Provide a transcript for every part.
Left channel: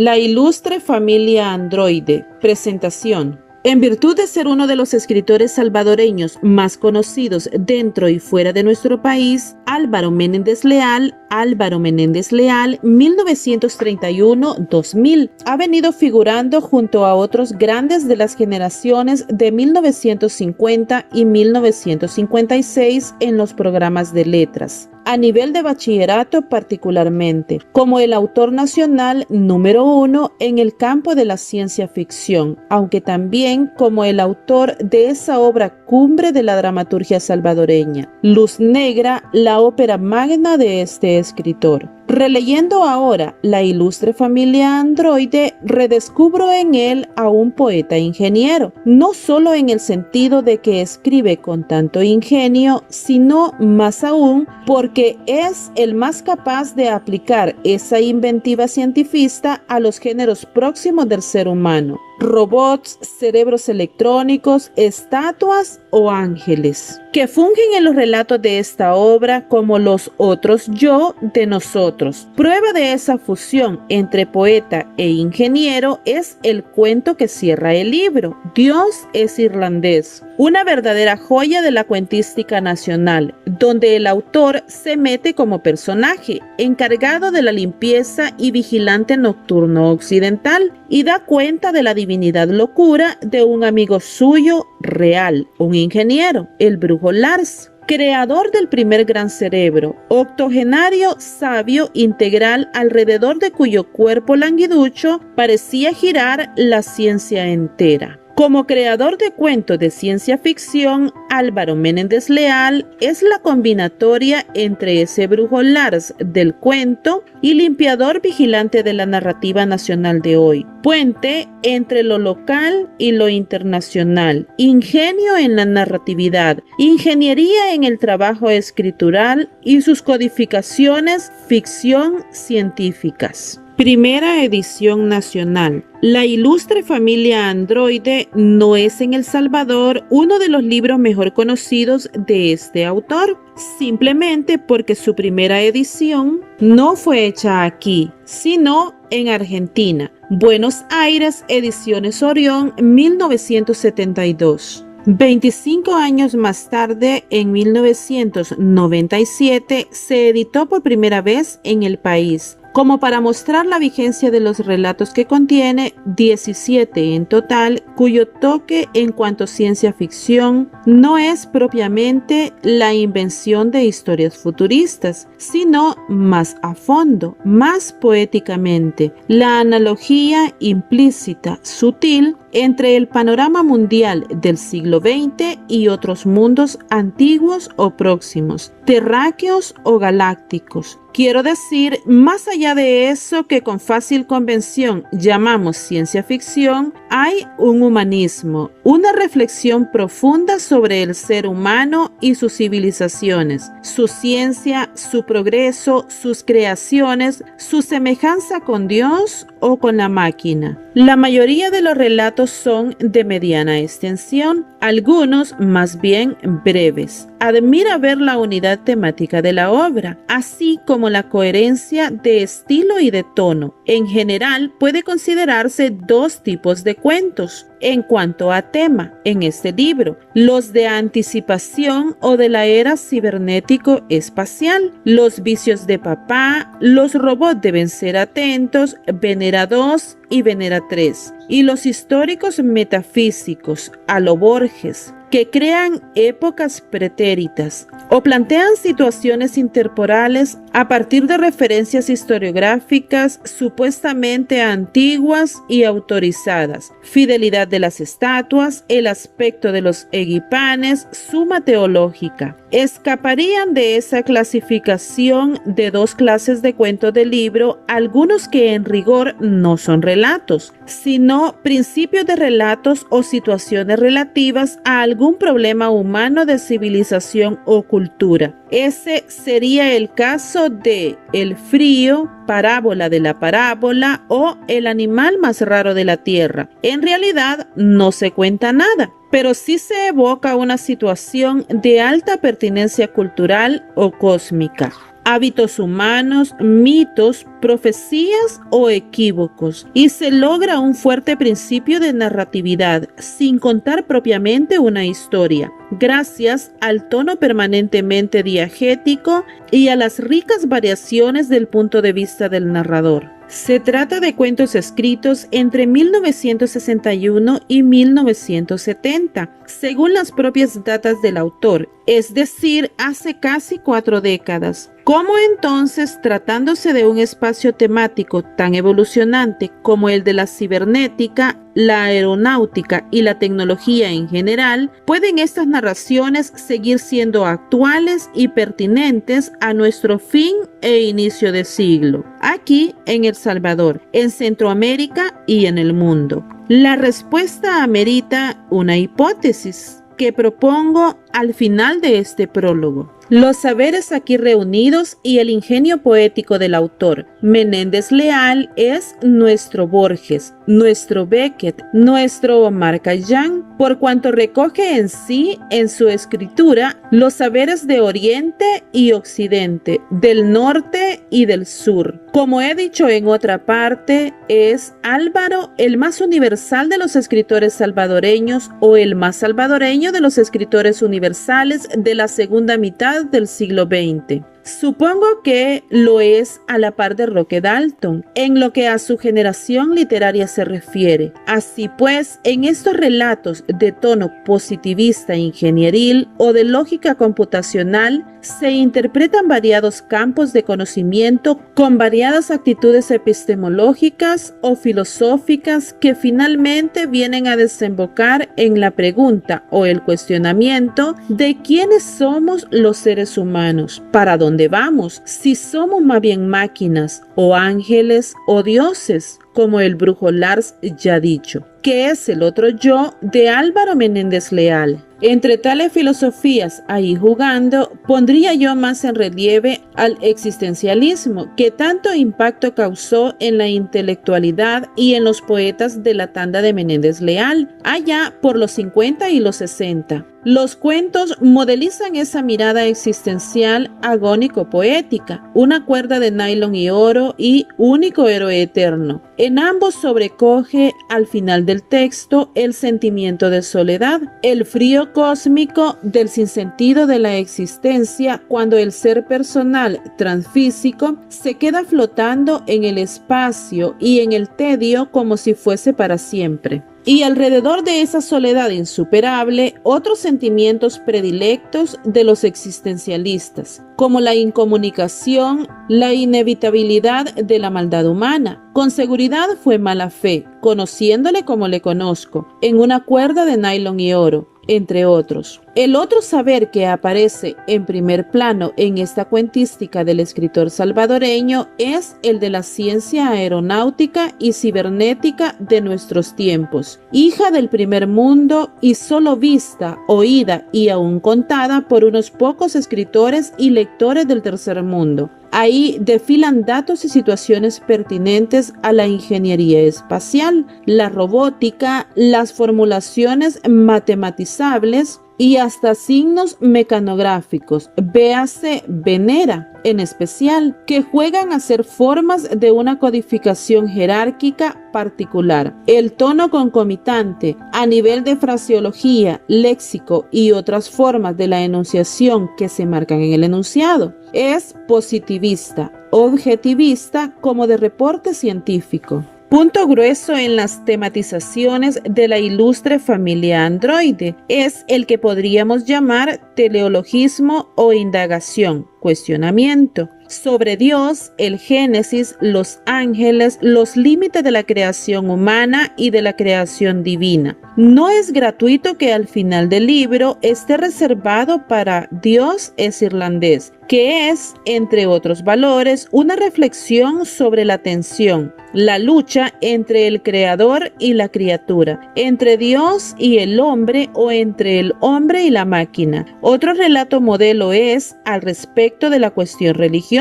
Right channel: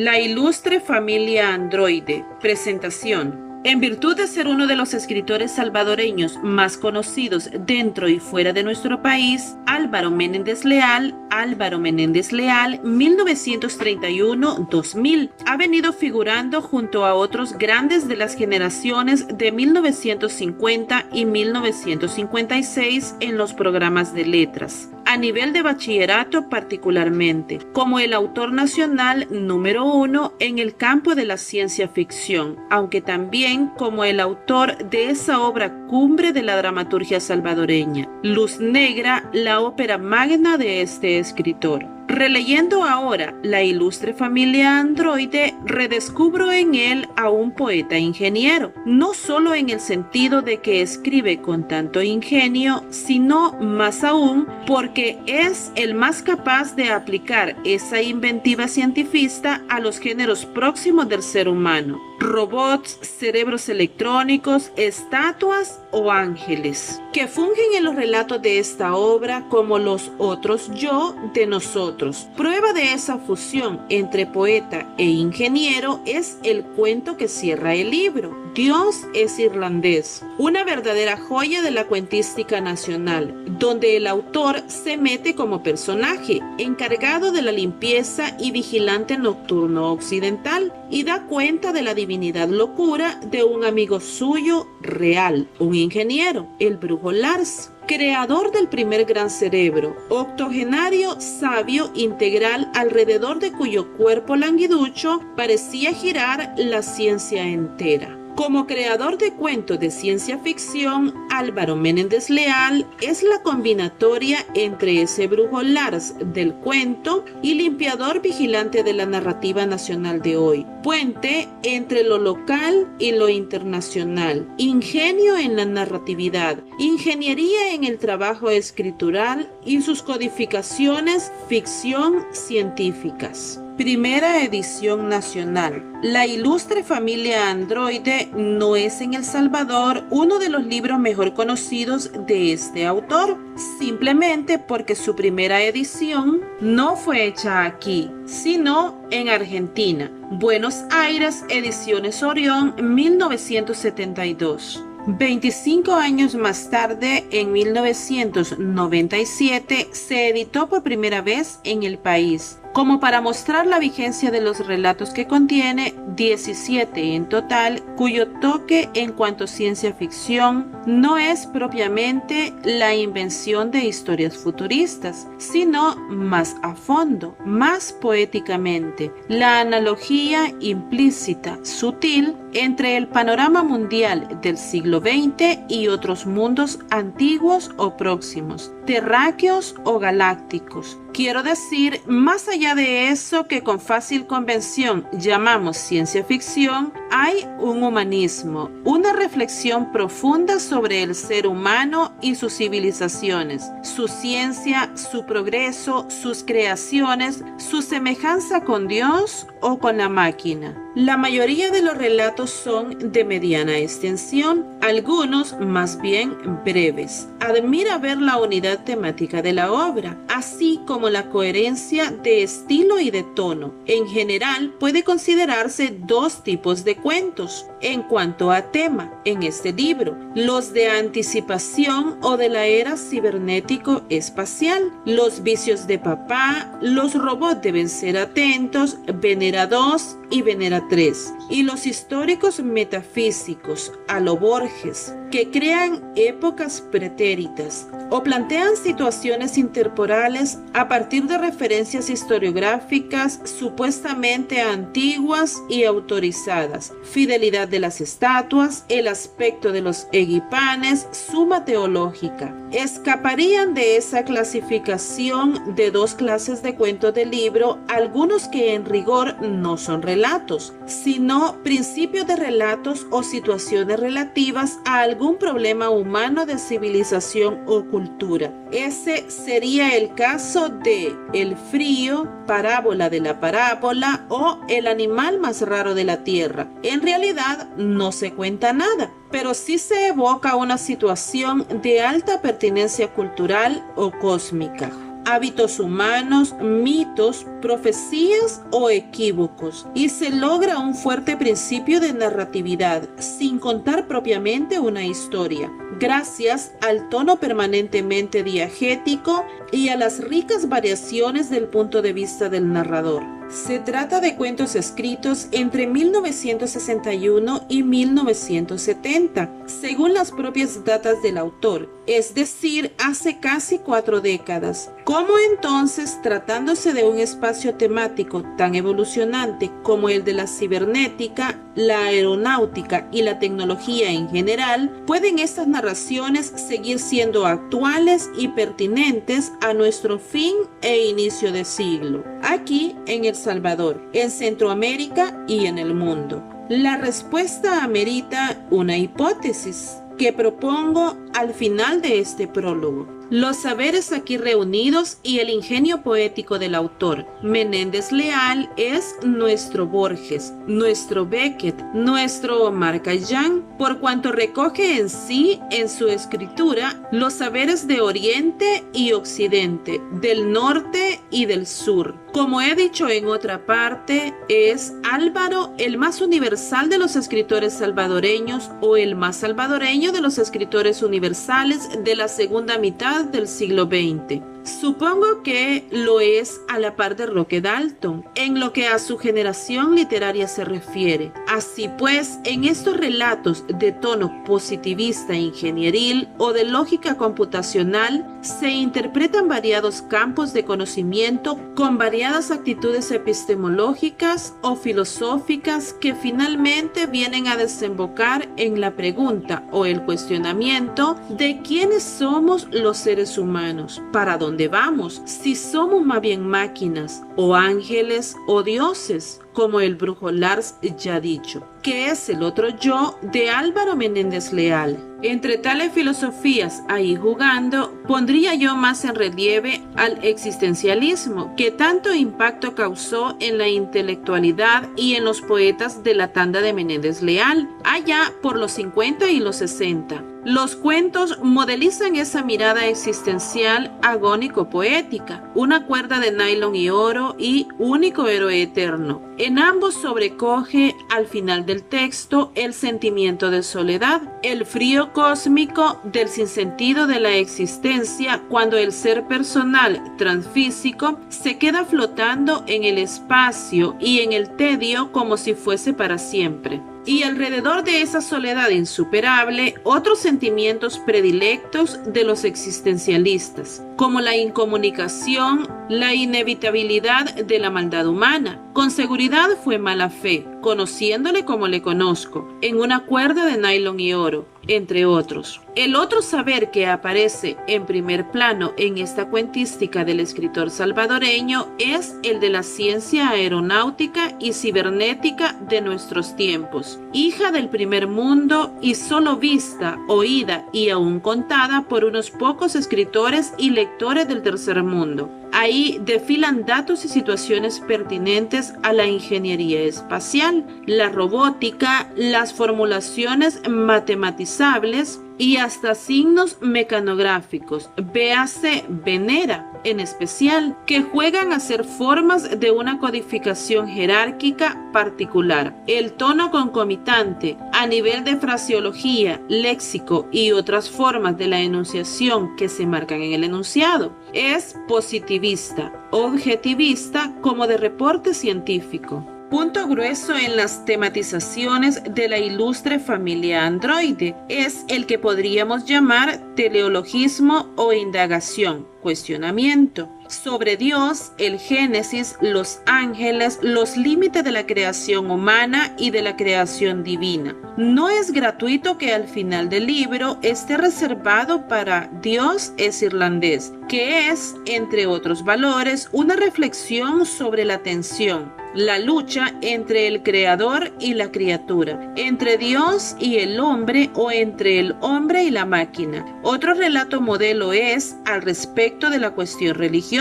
La ilustre familia androide. Presentación. En virtud de ser uno de los escritores salvadoreños más conocidos dentro y fuera de nuestro país, Álvaro Menéndez Leal, 1931-2000, ha venido figurando junto a otros grandes de las generaciones de 1950 y 1956 en los programas de letras, a nivel de bachillerato particularmente, como el autor nacional número 1 en el campo de la ciencia ficción, aunque también como el autor de esa obra cumbre de la dramaturgia salvadoreña, Luz Negra, la ópera magna de este escritor. Releyendo ahora La ilustre familia androide, redescubro en él a un poeta ingeniero, no solo en el sentido de que escribe con tanto ingenio, sino más aún porque es el más capaz de aplicar esa inventiva cientifista a los géneros próximos del ser humano: robots, cerebros electrónicos, estatuas o ángeles, que fungen en los relatos de esta obra como los otros yo de nosotros. Prueba de esa fusión entre poeta e ingeniero es el cuento que cierra el libro, Dios es irlandés, una verdadera joya de la cuentística nacional, donde el autor se mete como personaje, encargado de la limpieza y vigilante nocturno occidental, y da cuenta de la divinidad locura de un amigo suyo real, un ingeniero, el brujo Lars, creador del primer gran cerebro, octogenario, sabio, integral, alrededor de cuyo cuerpo languiducho parecía girar la ciencia entera. Como creador de cuentos de ciencia ficción, Álvaro Menéndez Leal es la combinatoria entre ese brujo Lars del cuento y limpiador vigilante de la narrativa nacional de hoy, puente entre lo local y lo internacional, ingenio en la narratividad, ingeniería en el trabajo escritural y sus codificaciones ficción científicas. Primera edición nacional. La ilustre familia androide no es en El Salvador uno de los libros mejor conocidos de este autor, simplemente porque su primera edición no fue hecha aquí, sino en Argentina. Buenos Aires, Ediciones Orión, 1972. 25 años más tarde, en 1997, se editó por primera vez en el país. Como para mostrar la vigencia de los relatos que contiene, 17 en total, cuyo toque en cuanto a ciencia ficción no es propiamente la invención de historias futuristas, sino más a fondo, más poéticamente, la analogía implícita, sutil, entre el panorama mundial del siglo XX y otros mundos antiguos o próximos, terráqueos o galácticos. Quiero decir, más allá de eso que con fácil convención llamamos ciencia ficción, hay un humanismo, una reflexión profunda sobre el ser humano y sus civilizaciones, su ciencia, su progreso, sus creaciones, su semejanza con Dios o con la máquina. La mayoría de los relatos son de mediana extensión, algunos más bien breves. Admira ver la unidad temática de la obra, así como la coherencia de estilo y de tono. En general, puede considerarse dos tipos de cuentos en cuanto a tema en este libro: los de anticipación o de la era cibernético-espacial, los vicios de papá, los robots deben ser atentos, Venera 2 y Venera 3, y los históricos metafísicos, a lo Borges, que crean épocas pretéritas o plantean situaciones intertemporales a partir de referencias historiográficas supuestamente antiguas y autorizadas, fidelidad de las estatuas, el aspecto de los egipanes, suma teológica. Escaparían de esa clasificación de dos clases de cuentos del libro algunos que en rigor no son relatos, sino principios de relatos o situaciones relativas a algún problema humano de civilización o cultura. Ese sería el caso de El frío, Parábola de la parábola o El animal más raro de la tierra. En realidad no se cuenta nada, pero sí se evoca una situación de alta pertinencia cultural o cósmica. hábitos humanos, mitos, profecías o equívocos, y se logra un fuerte principio de narratividad, sin contar propiamente una historia, gracias al tono permanentemente diegético y a las ricas variaciones del punto de vista del narrador. Se trata de cuentos escritos entre 1961 y 1970, según las propias datas del autor, es decir, hace casi 4 décadas. ¿Cómo entonces, tratándose de un espacio temático tan evolucionante como el de la cibernética, la aeronáutica y la tecnología en general, pueden estas narraciones seguir siendo actuales y pertinentes a nuestro fin e inicio de siglo, aquí en El Salvador, en Centroamérica y en el mundo? La respuesta amerita una hipótesis que propongo al final de este prólogo. Los saberes aquí reunidos y el ingenio poético del autor. Menéndez Leal es nuestro Borges, nuestro Beckett, nuestro Omar Khayyam, por cuanto recoge en sí, en su escritura, los saberes de Oriente y Occidente, del norte y del sur. Como he dicho en otra parte, es Álvaro el más universal de los escritores salvadoreños o el más salvadoreño de los escritores universales de la segunda mitad del siglo XX. Supongo que lo es a la par de Roque Dalton, en lo que a su generación literaria se refiere. Así pues, en estos relatos de tono positivista ingenieril o de lógica computacional, se interpretan variados campos de conocimiento con variadas actitudes epistemológicas o filosóficas que finalmente vienen a desembocar en la pregunta o el cuestionamiento de quiénes somos los seres humanos, para dónde vamos, si somos más bien máquinas o ángeles o dioses, como el brujo Lars ya ha dicho, que es el otro yo de Álvaro Menéndez Leal. Entre tales filosofías ahí jugando, pondría yo más en relieve al existencialismo, que tanto impacto causó en la intelectualidad y en los poetas de la tanda de Menéndez Leal, allá por los 50 y los 60. Los cuentos modelizan esa mirada existencial agónico-poética, una cuerda de nylon y oro y único héroe eterno. En ambos sobrecoge al final del texto el sentimiento de soledad, el frío cósmico del sinsentido de la existencia cuando el ser personal transfísico se queda flotando en el espacio y en el tedio como si fuese para siempre. Y alrededor de esa soledad insuperable, otros sentimientos predilectos de los existencialistas, como la incomunicación, la inevitabilidad de la maldad humana. Con seguridad fue mala fe, conociéndole como le conozco, en una cuerda de nylon y oro, entre otros. El otro saber que aparece en primer plano en esta cuentística del escritor salvadoreño es el de la ciencia aeronáutica y cibernética de nuestros tiempos, hija del primer mundo y solo vista, oída y aún contada por unos pocos escritores y lectores del tercer mundo. Ahí desfilan datos y situaciones pertinentes a la ingeniería espacial, la robótica, las formulaciones matematizables y hasta signos mecanográficos, véase Venera en especial, que juegan a ser formas de una codificación jerárquica particular. El tono concomitante a nivel de fraseología, léxico y otras formas de la enunciación que se marcan en el enunciado es positivista, objetivista como de reporte científico. Punto grueso en las tematizaciones de la ilustre familia androide es el que podríamos llamar teleologismo o indagación, cuestionamiento. Sobre Dios, el Génesis, los ángeles, los límites de la creación humana y de la creación divina. No es gratuito que al final del libro esté reservado para Dios es irlandés, que es, entre otros valores, una reflexión sobre la tensión, la lucha entre el creador y la criatura, entre Dios y el hombre o entre el hombre y la máquina. Otro relato modelo es al respecto de la cuestión religiosa,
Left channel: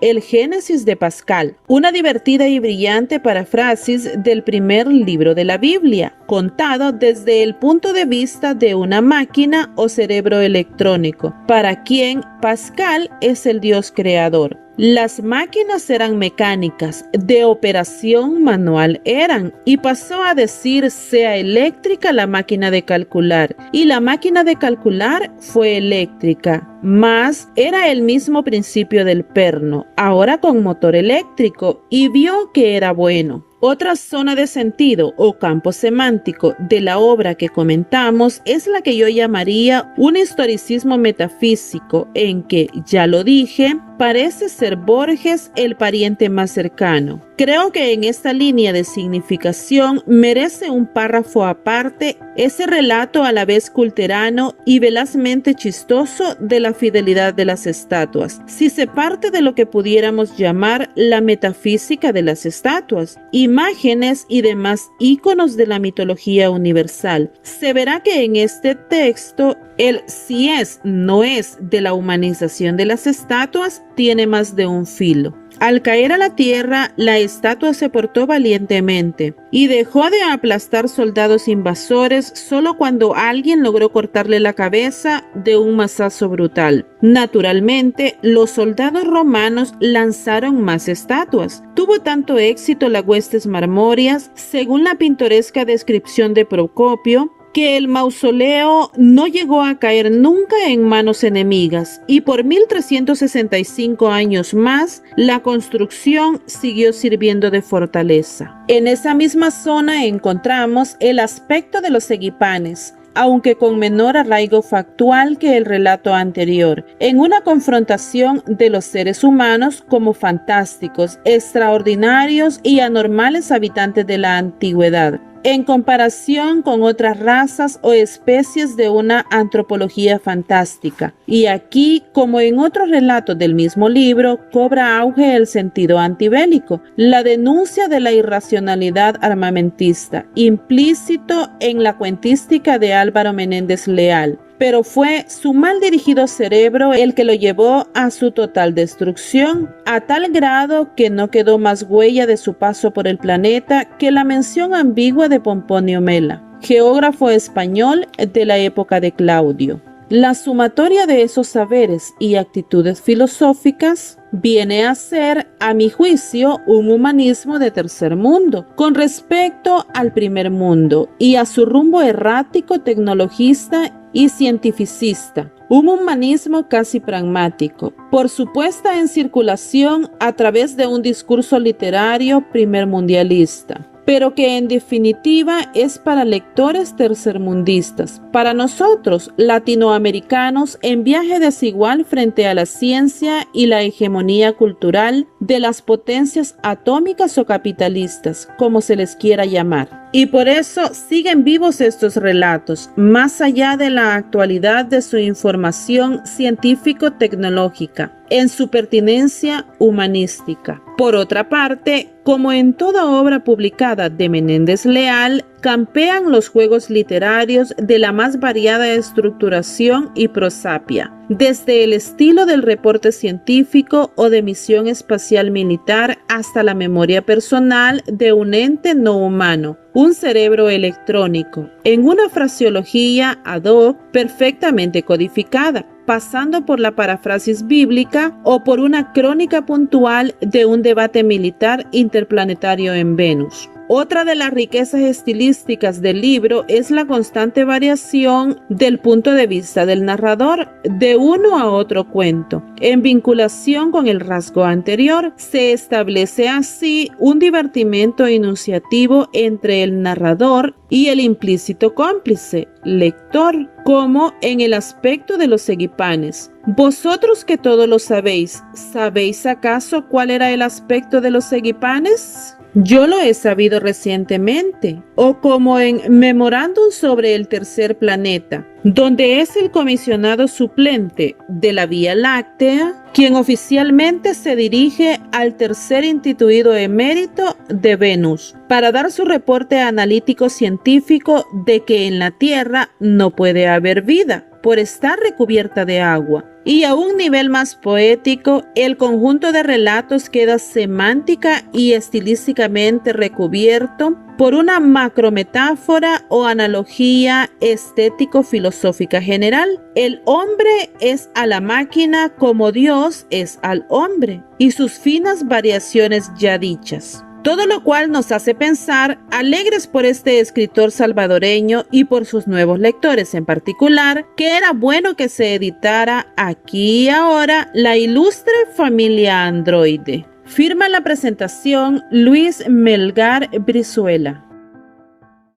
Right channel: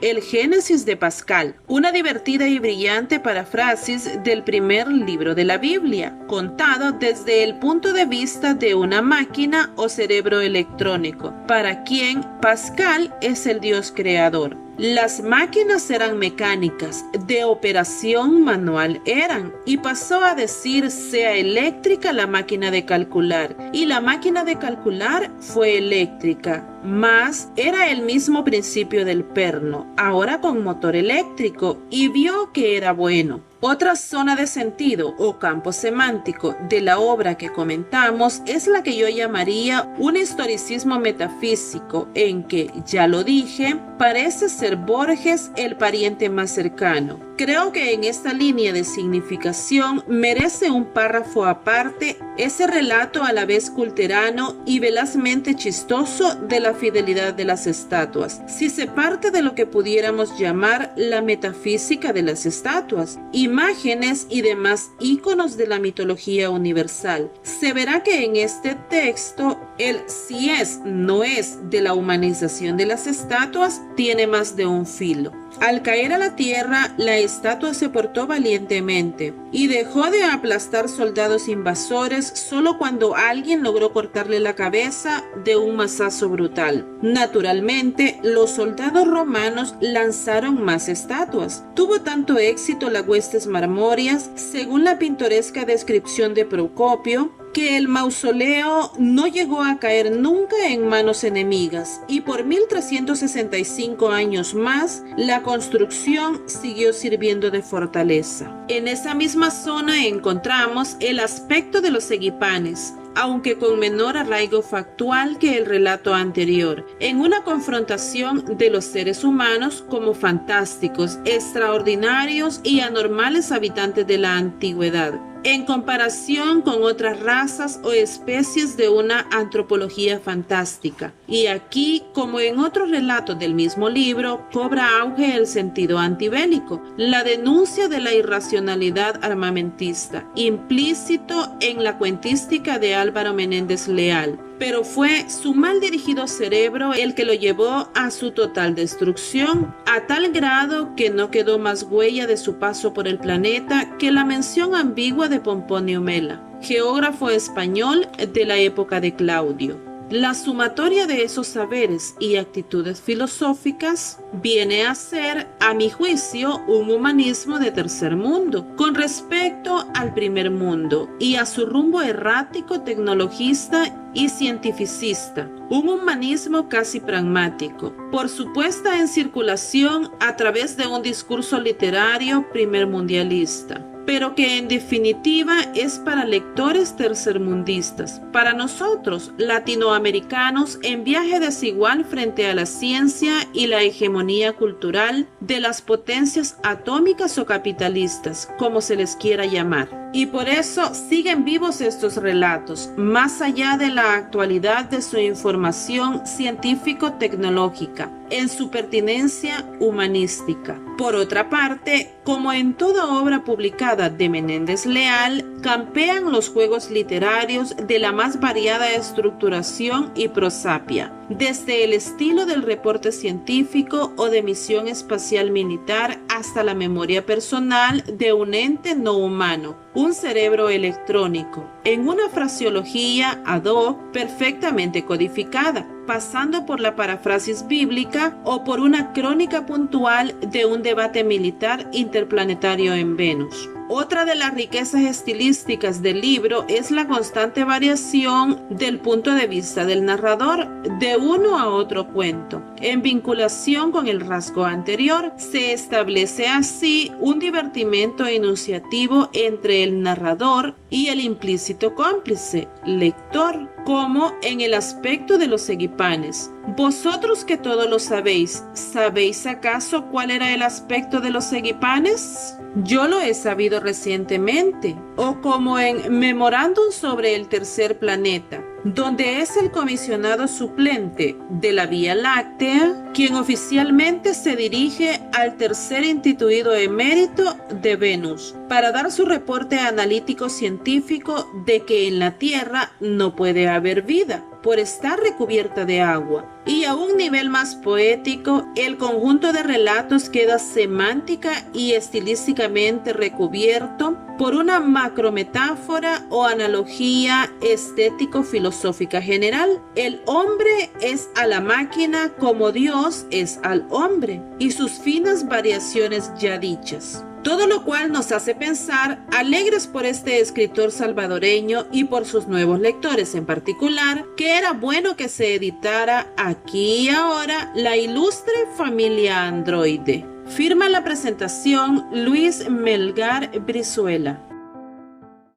el Génesis de Pascal, una divertida y brillante paráfrasis del primer libro de la Biblia, contado desde el punto de vista de una máquina o cerebro electrónico, para quien Pascal Él es el Dios creador. Las máquinas eran mecánicas, de operación manual eran, y pasó a decir sea eléctrica la máquina de calcular, y la máquina de calcular fue eléctrica, mas era el mismo principio del perno, ahora con motor eléctrico, y vio que era bueno. Otra zona de sentido o campo semántico de la obra que comentamos es la que yo llamaría un historicismo metafísico, en que, ya lo dije, parece ser Borges el pariente más cercano. Creo que en esta línea de significación merece un párrafo aparte ese relato a la vez culterano y velazmente chistoso de la fidelidad de las estatuas. Si se parte de lo que pudiéramos llamar la metafísica de las estatuas, imágenes y demás íconos de la mitología universal, se verá que en este texto el si es, no es de la humanización de las estatuas tiene más de un filo. Al caer a la tierra, la estatua se portó valientemente y dejó de aplastar soldados invasores solo cuando alguien logró cortarle la cabeza de un mazazo brutal. Naturalmente, los soldados romanos lanzaron más estatuas. Tuvo tanto éxito las huestes marmóreas, según la pintoresca descripción de Procopio, que el mausoleo no llegó a caer nunca en manos enemigas y por 1365 años más la construcción siguió sirviendo de fortaleza. En esa misma zona encontramos el aspecto de los egipanes, aunque con menor arraigo factual que el relato anterior, en una confrontación de los seres humanos como fantásticos, extraordinarios y anormales habitantes de la antigüedad, en comparación con otras razas o especies de una antropología fantástica. Y aquí, como en otros relatos del mismo libro, cobra auge el sentido antibélico, la denuncia de la irracionalidad armamentista, implícito en la cuentística de Álvaro Menéndez Leal. Pero fue su mal dirigido cerebro el que lo llevó a su total destrucción, a tal grado que no quedó más huella de su paso por el planeta que la mención ambigua de Pomponio Mela, geógrafo español de la época de Claudio. La sumatoria de esos saberes y actitudes filosóficas viene a ser, a mi juicio, un humanismo de tercer mundo con respecto al primer mundo y a su rumbo errático, tecnologista y cientificista. Un humanismo casi pragmático, por su puesta en circulación a través de un discurso literario primermundialista, pero que en definitiva es para lectores tercermundistas, para nosotros latinoamericanos en viaje desigual frente a la ciencia y la hegemonía cultural de las potencias atómicas o capitalistas, como se les quiera llamar. Y por eso siguen vivos estos relatos, más allá de la actualidad de su información científico-tecnológica, en su pertinencia humanística. Por otra parte, como en toda obra publicada de Menéndez Leal, campean los juegos literarios de la más variada estructuración y prosapia, desde el estilo del reporte científico o de misión espacial militar hasta la memoria personal de un ente no humano, un cerebro electrónico, en una fraseología ad hoc perfectamente codificada, pasando por la parafrasis bíblica o por una crónica puntual de un debate militar interplanetario en Venus. Otra de las riquezas estilísticas del libro es la constante variación del punto de vista del narrador de uno a otro cuento. En vinculación con el rasgo anterior, se establece así un divertimento enunciativo entre el narrador y el implícito cómplice, lector, como en el aspecto de los egipanes. Vosotros que todo lo sabéis, ¿sabéis acaso cuál era el aspecto de los egipanes? Yo lo he sabido recientemente, o como en Memorándum sobre el tercer planeta, donde es el comisionado suplente de la Vía Láctea quien oficialmente se dirige al tercer instituido emérito de Venus para dar su reporte analítico científico de que en la Tierra no puede haber vida por estar recubierta de agua. Y a un nivel más poético, el conjunto de relatos queda semántica y estilísticamente recubierto por una macrometáfora o analogía estético-filosófica general. El hombre es a la máquina como Dios es al hombre, y sus finas variaciones ya dichas. Todo lo cual nos hace pensar, alegres por este escritor salvadoreño y por sus nuevos lectores en particular, que era bueno que se editara aquí y ahora la ilustre familia androide. Firma la presentación Luis Melgar Brizuela.